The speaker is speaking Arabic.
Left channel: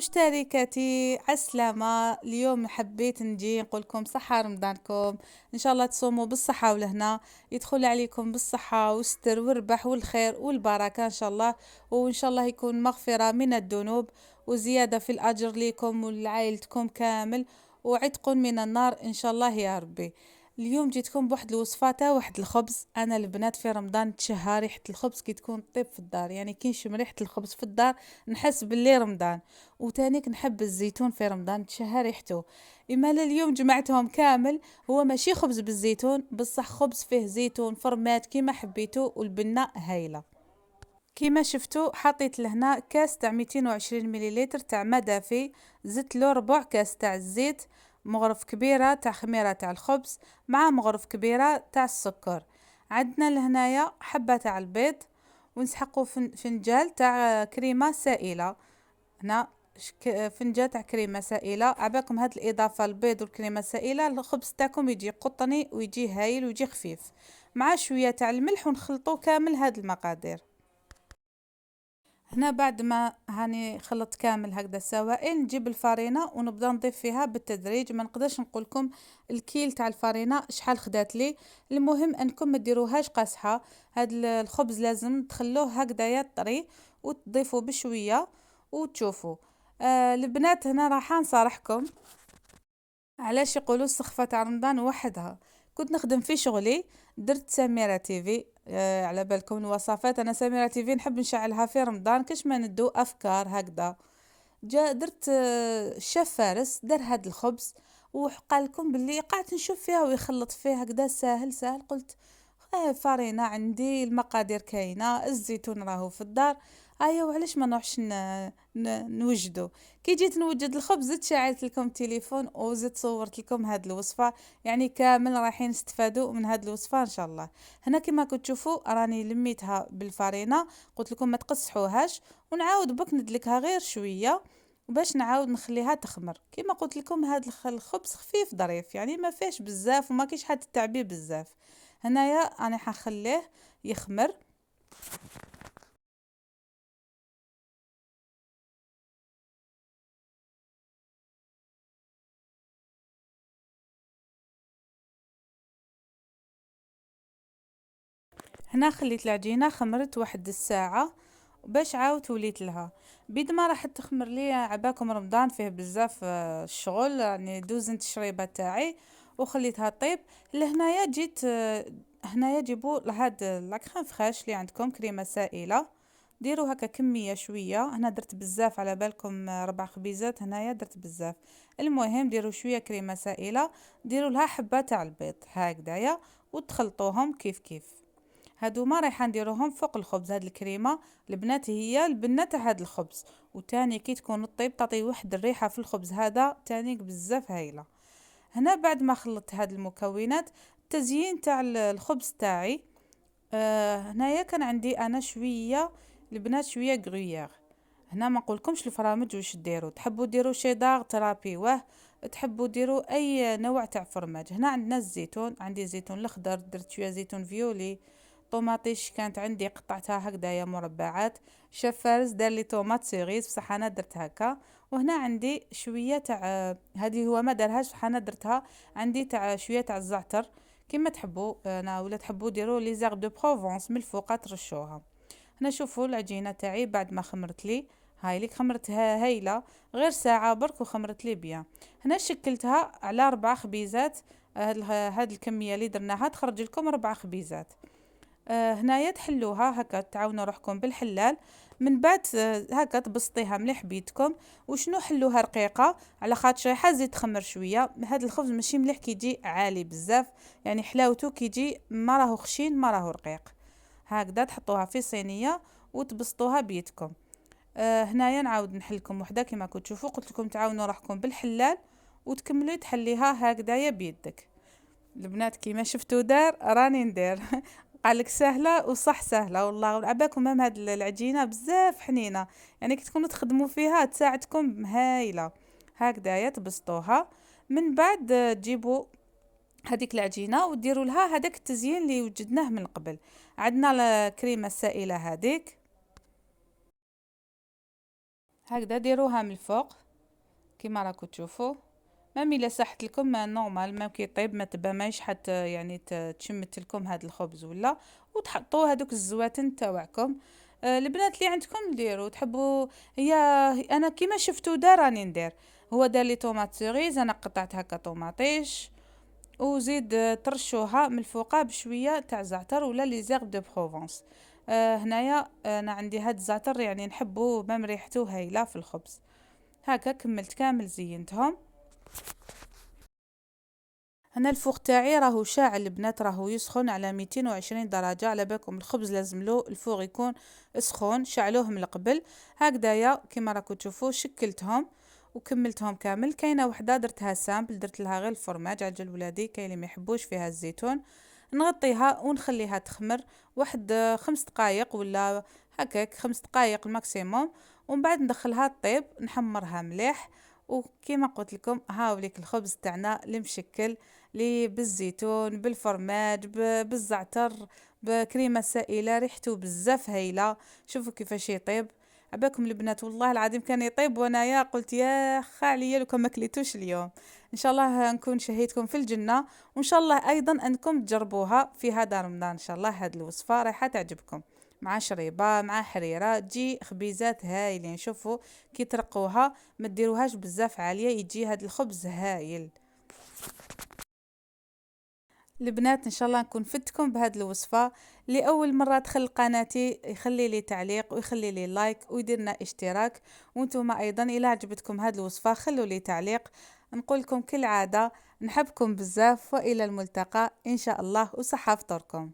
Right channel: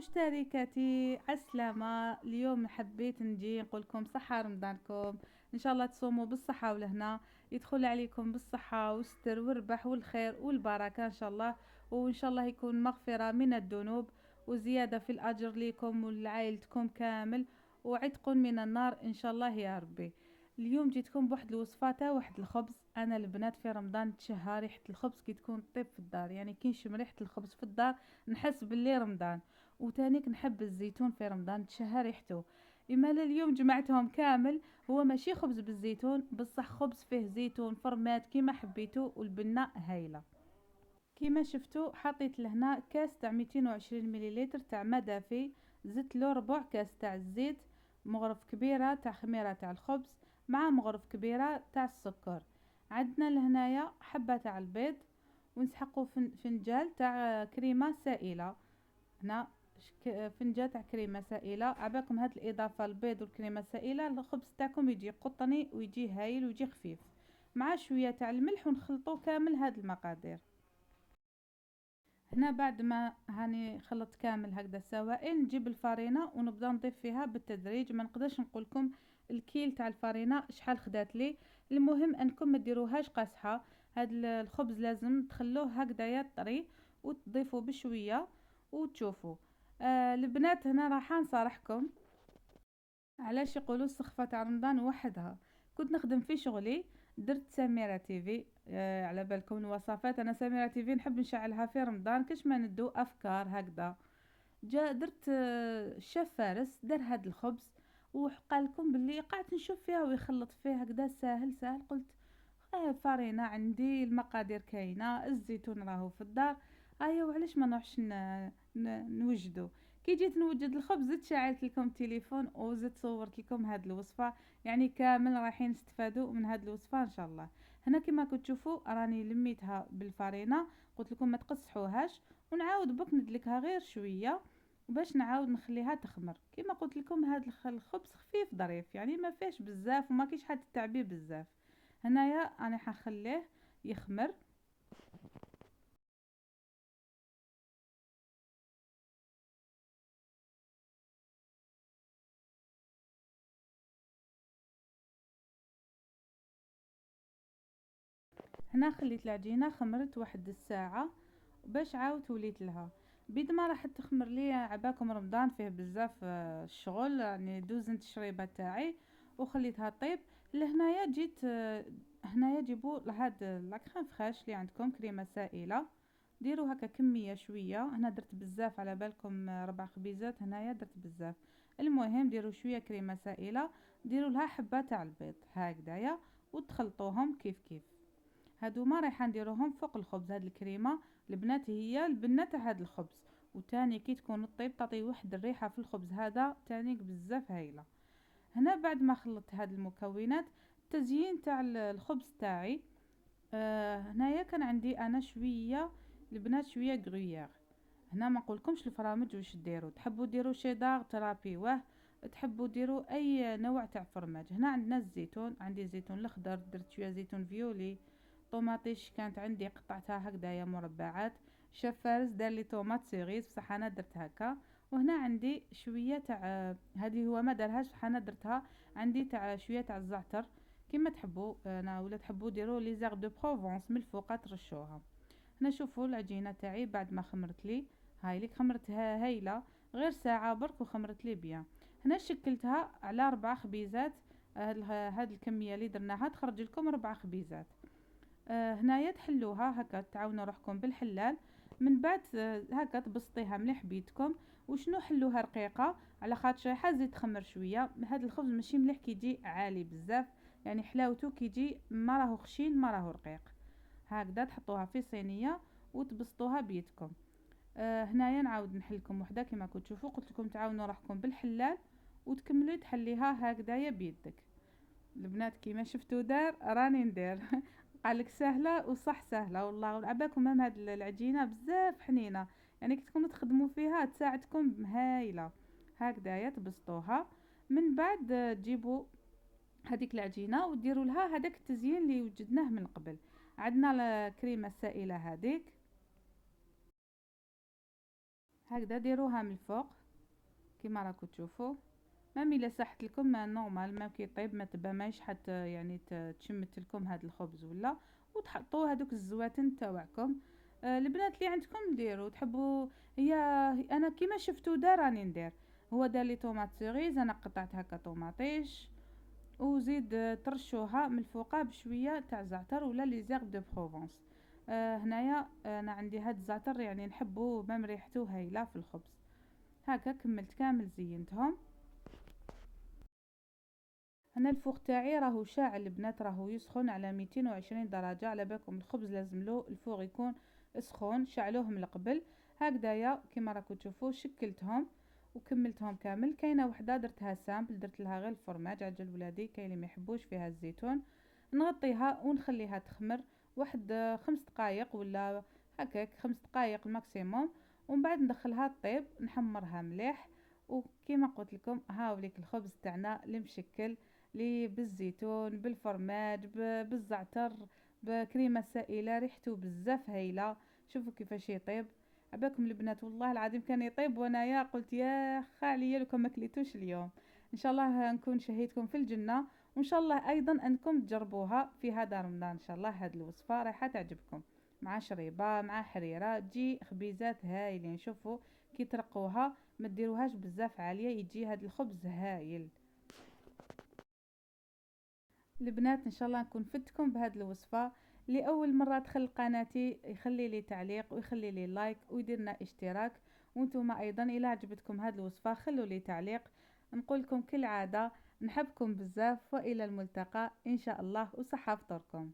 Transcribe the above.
مشتركاتي عسلامة. اليوم حبيت نجي نقول لكم صحة رمضانكم، إن شاء الله تصوموا بالصحة والهنا، يدخل عليكم بالصحة والستر والربح والخير والبركة إن شاء الله. وإن شاء الله يكون مغفرة من الذنوب وزيادة في الأجر لكم ولعائلتكم كامل، وعتق من النار إن شاء الله يا ربي. اليوم جيتكم بواحد الوصفة تاع واحد الخبز. انا البنات في رمضان تشهى ريحة الخبز كي تكون طيب في الدار، يعني كي نشم ريحة الخبز في الدار نحس باللي رمضان. وتانيك نحب الزيتون في رمضان تشهى ريحته. اما اليوم جمعتهم كامل. هو ماشي خبز بالزيتون بصح خبز فيه زيتون فرمات كيما حبيتو، والبنة هايلة. كيما شفتوا حطيت لهنا كاس تاع 220 مليلتر تاع ماء دافي، زدت له ربع كاس تاع الزيت، مغرف كبيرة تاع خميرة تاع الخبز مع مغرف كبيرة تاع السكر. عندنا لهنايا حبة تاع البيض، ونسحقوا فنجال تاع كريمة سائلة. هنا فنجان تاع كريمة سائلة. عباكم هاد الإضافة البيض والكريمة السائلة الخبز تاعكم يجي قطني ويجي هايل ويجي خفيف، مع شوية تاع الملح، ونخلطوا كامل هاد المقادير. هنا بعد ما هاني خلطت كامل هكذا السوائل، نجيب الفارينة ونبدا نضيف فيها بالتدريج. ما نقدرش نقول لكم الكيل تاع الفارينة شحال خدات لي. المهم انكم ما ديروهاش قاصحه. هاد الخبز لازم تخلوه هكذايا طري، وتضيفوا بشويه وتشوفوا. البنات هنا راح نصارحكم علاش يقولوا السخفة تاع رمضان وحدها. كنت نخدم في شغلي، درت سميرة تيفي. على بالكم الوصفات، انا سميرة تيفي نحب نشعلها في رمضان كاش ما ندو افكار هكذا. جا درت الشيف فارس دار هاد الخبز، وقال لكم باللي قعدت نشوف فيها ويخلط فيها هكذا ساهل ساهل. قلت فارينة عندي، المقادير كاينة، الزيتون راهو في الدار، ايا وعلاش ما نروحش نوجدو. كي جيت نوجد الخبز زدت شعلت لكم تليفون وزدت صورت لكم هاد الوصفة، يعني كامل رايحين نستفادوا من هاد الوصفة ان شاء الله. هنا كما كنت تشوفوا راني لميتها بالفارينة، قلت لكم ما تقصحوهاش، ونعاود بك ندلكها غير شوية باش نعاود نخليها تخمر. كما قلت لكم هاد الخبز خفيف ظريف، يعني ما فيش بزاف وما كاينش حد تعبيه بزاف. هنايا انا حنخليه يخمر. هنا خليت العجينة خمرت واحد الساعة باش عاود وليت لها. بيد ما راح تخمر لي عباكم رمضان فيه بزاف الشغل، يعني دوزنت الشريبة تاعي وخليتها طيب. لهنايا جيت هنايا جيبوا لهاد لاكخام فخاش اللي عندكم كريمة سائلة، ديروا هكا كمية شوية. هنا درت بزاف على بالكم 4 خبيزات، هنايا درت بزاف. المهم ديروا شوية كريمة سائلة، ديروا لها حبة تاع البيض هكذايا، وتخلطوهم كيف كيف. هادو ما رايحة نديروهم فوق الخبز. هاد الكريمة البنات هي البنة تاع هاد الخبز، وتاني كي تكون الطيب تعطي واحد الريحة في الخبز هذا تاني بزاف هايلة. هنا بعد ما خلطت هاد المكونات، التزيين تاع الخبز تاعي. هنايا كان عندي انا شوية البنات شوية غريير. هنا ما نقولكمش الفرامج واش ديروا، تحبوا ديروا شيدار ترابي واه، تحبوا ديروا اي نوع تاع فرماج. هنا عندنا الزيتون، عندي زيتون الاخضر، درت شويه زيتون فيولي. طوماطيش كانت عندي قطعتها هكذايا مربعات. شاف فارس دار لي طوماط سيريز بصح انا درت هكا. وهنا عندي شويه تاع هذه هو ما دارهاش بصح انا درتها. عندي تاع شويه تاع الزعتر، كيما تحبوا انا ولا تحبوا ديروا لي زيغ دو بروفونس من الفوق ترشوها. هنا شوفوا العجينه تاعي بعد ما خمرت لي، هاي ليك خمرتها هايله، غير ساعه برك وخمرت لي بيان. هنا شكلتها على 4 خبيزات. هاد الكميه اللي درناها تخرج لكم 4 خبيزات. هنايا تحلوها هكا، تعاونوا روحكم بالحلال. من بعد هكا تبسطيها مليح بيدكم. وشنو حلوها رقيقه على خاطر زيد تخمر شويه. هذا الخبز ماشي مليح كيجي عالي بزاف، يعني حلاوته كيجي ما راهو خشين ما راهو رقيق. هكذا تحطوها في صينيه وتبسطوها بيدكم. هنايا نعاود نحلكم وحده كما كنت تشوفوا، قلت لكم تعاونوا روحكم بالحلال وتكملي تحليها هكذايا بيدك. البنات كيما شفتوا دار راني ندير. قالك سهله وصح سهله والله. عباكم هم هاد العجينه بزاف حنينه، يعني كي تكونوا تخدموا فيها تساعدكم هايله. هكذايا تبسطوها. من بعد تجيبوا هذيك العجينه وديروا لها هذاك التزيين اللي وجدناه من قبل. عندنا الكريمه السائله هذيك، هكذا ديروها من الفوق كيما راكو تشوفوا. مام الا ساحت لكم ما نورمال، مام كي يطيب ما تبى مايش حتى يعني تشمت لكم هذا الخبز ولا، وتحطوا هذوك الزواتن تاوعكم. البنات اللي عندكم ديروا تحبوا. هي انا كيما شفتوا دار راني ندير. هو دار لي طوماط سيريز، انا قطعت هكا طوماطيش، وزيد ترشوها من الفوقه بشويه تاع زعتر ولا لي زيغ دو بروفونس. هنايا انا عندي هاد الزعتر يعني نحبه مام ريحته هايله في الخبز. هكا كملت كامل زينتهم. هنا الفوق تاعي راهو شاعل البنات، راهو يسخن على 220 درجة. على بالكم الخبز لازم له الفوق يكون سخون، شعلوه من قبل. هكذايا كيما راكم تشوفوا شكلتهم وكملتهم كامل. كاينه وحده درتها سامبل، درت لها غير الفرماج عجل ولادي، كاين اللي ما يحبوش فيها الزيتون. نغطيها ونخليها تخمر واحد 5 دقائق ولا هكاك 5 دقائق الماكسيموم، ومن بعد ندخلها طيب نحمرها مليح. وكيما قلت لكم هاوليك الخبز تاعنا المشكل لي بالزيتون بالفرماج بالزعتر بكريمه سائله، ريحته بزاف هايله. شوفوا كيفاش يطيب. عباكم البنات والله العظيم كان يطيب وانايا قلت يا خا عليا لو كان ما كليتوش اليوم. ان شاء الله نكون شهيتكم في الجنه، وان شاء الله ايضا انكم تجربوها في هذا رمضان. ان شاء الله هذه الوصفه رايحه تعجبكم، مع شريبه مع حريره تجي خبيزات هايلين. شوفوا كي ترقوها ما ديروهاش بزاف عاليه، يجي هذا الخبز هايل. البنات ان شاء الله نكون فدتكم بهذه الوصفه. لاول مره دخل قناتي يخلي لي تعليق ويخلي لي لايك ويدير لنا اشتراك. وانتم ايضا الى عجبتكم هذه الوصفه خلوا لي تعليق. نقول لكم كالعاده نحبكم بزاف والى الملتقى ان شاء الله، وصحه فطوركم.